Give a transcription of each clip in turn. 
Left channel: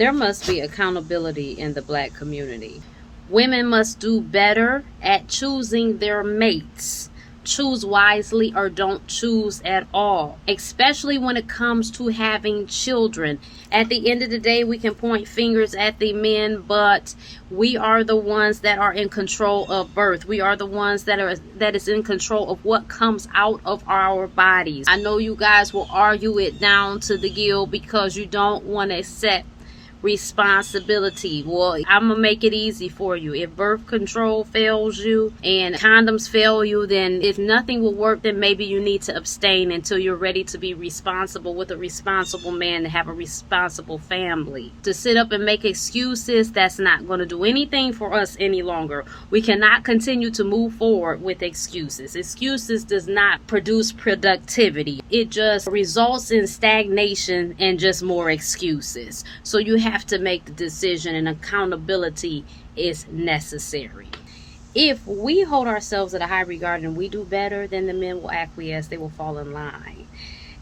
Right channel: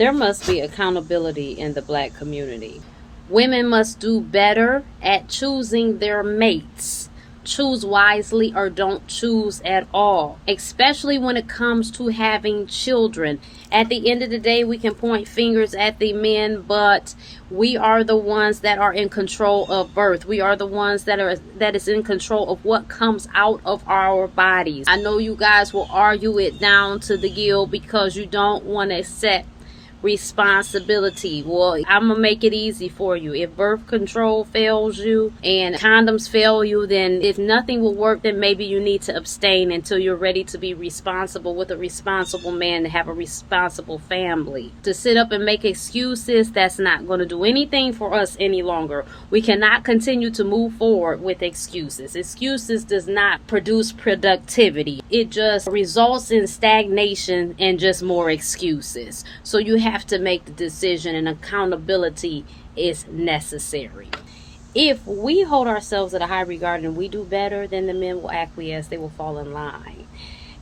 There must be accountability in the Black community. Women must do better at choosing their mates. Choose wisely or don't choose at all, especially when it comes to having children. At the end of the day, we can point fingers at the men, but we are the ones that are in control of birth. We are the ones that is in control of what comes out of our bodies. I know you guys will argue it down to the gill because you don't want to accept responsibility. Well, I'm gonna make it easy for you. If birth control fails you and condoms fail you, then if nothing will work, then maybe you need to abstain until you're ready to be responsible with a responsible man, to have a responsible family. To sit up and make excuses, that's not going to do anything for us any longer. We cannot continue to move forward with excuses. Excuses does not produce productivity. It just results in stagnation and just more excuses. So you have to make the decision, and accountability is necessary. If we hold ourselves at a high regard and we do better, then the men will acquiesce. They will fall in line.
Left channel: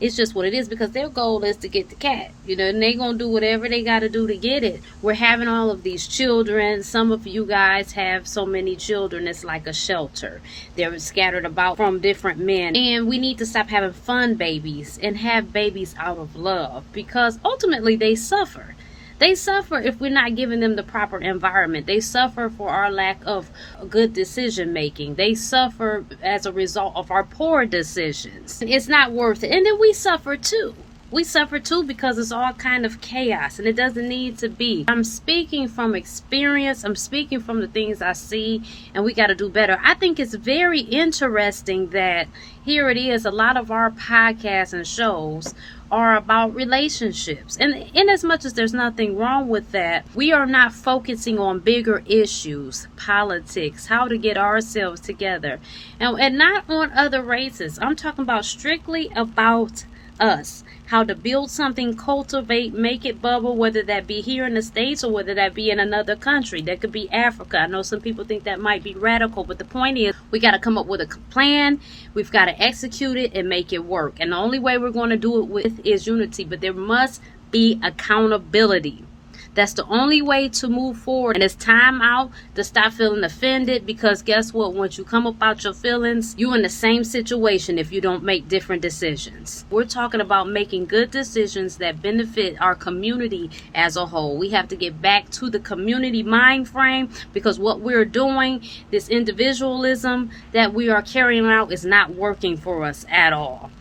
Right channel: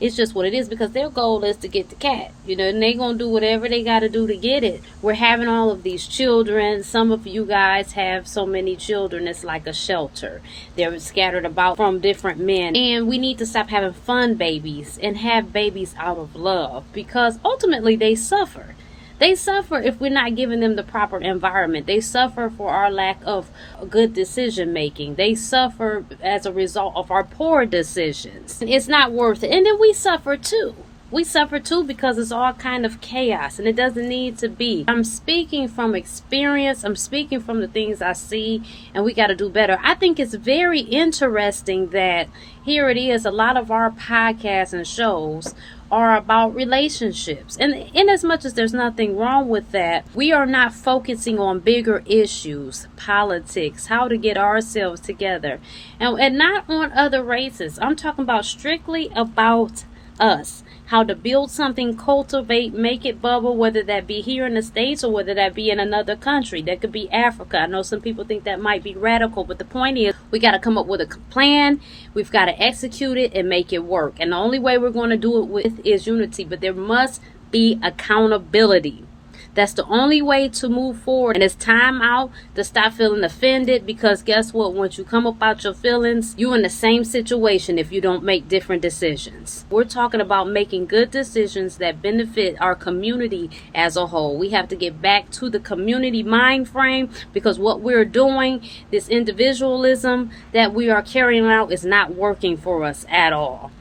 It's just what it is, because their goal is to get the cat, and they're going to do whatever they got to do to get it. We're having all of these children. Some of you guys have so many children, it's like a shelter. They're scattered about from different men. And we need to stop having fun babies and have babies out of love, because ultimately they suffer. They suffer if we're not giving them the proper environment. They suffer for our lack of good decision making. They suffer as a result of our poor decisions. It's not worth it. And then we suffer too. We suffer too because it's all kind of chaos, and it doesn't need to be. I'm speaking from experience. I'm speaking from the things I see, and we got to do better. I think it's very interesting that here it is, a lot of our podcasts and shows are about relationships. And in as much as there's nothing wrong with that, we are not focusing on bigger issues, politics, how to get ourselves together, and not on other races. I'm talking about strictly about us, how to build something, cultivate, make it bubble, whether that be here in the States or whether that be in another country. That could be Africa. I know some people think that might be radical, but the point is we got to come up with a plan. We've got to execute it and make it work. And the only way we're going to do it with is unity, but there must be accountability. That's the only way to move forward. And it's time out to stop feeling offended, because guess what? Once you come up out your feelings, you're in the same situation if you don't make different decisions. We're talking about making good decisions that benefit our community as a whole. We have to get back to the community mind frame, because what we're doing, this individualism that we are carrying out, is not working for us at all.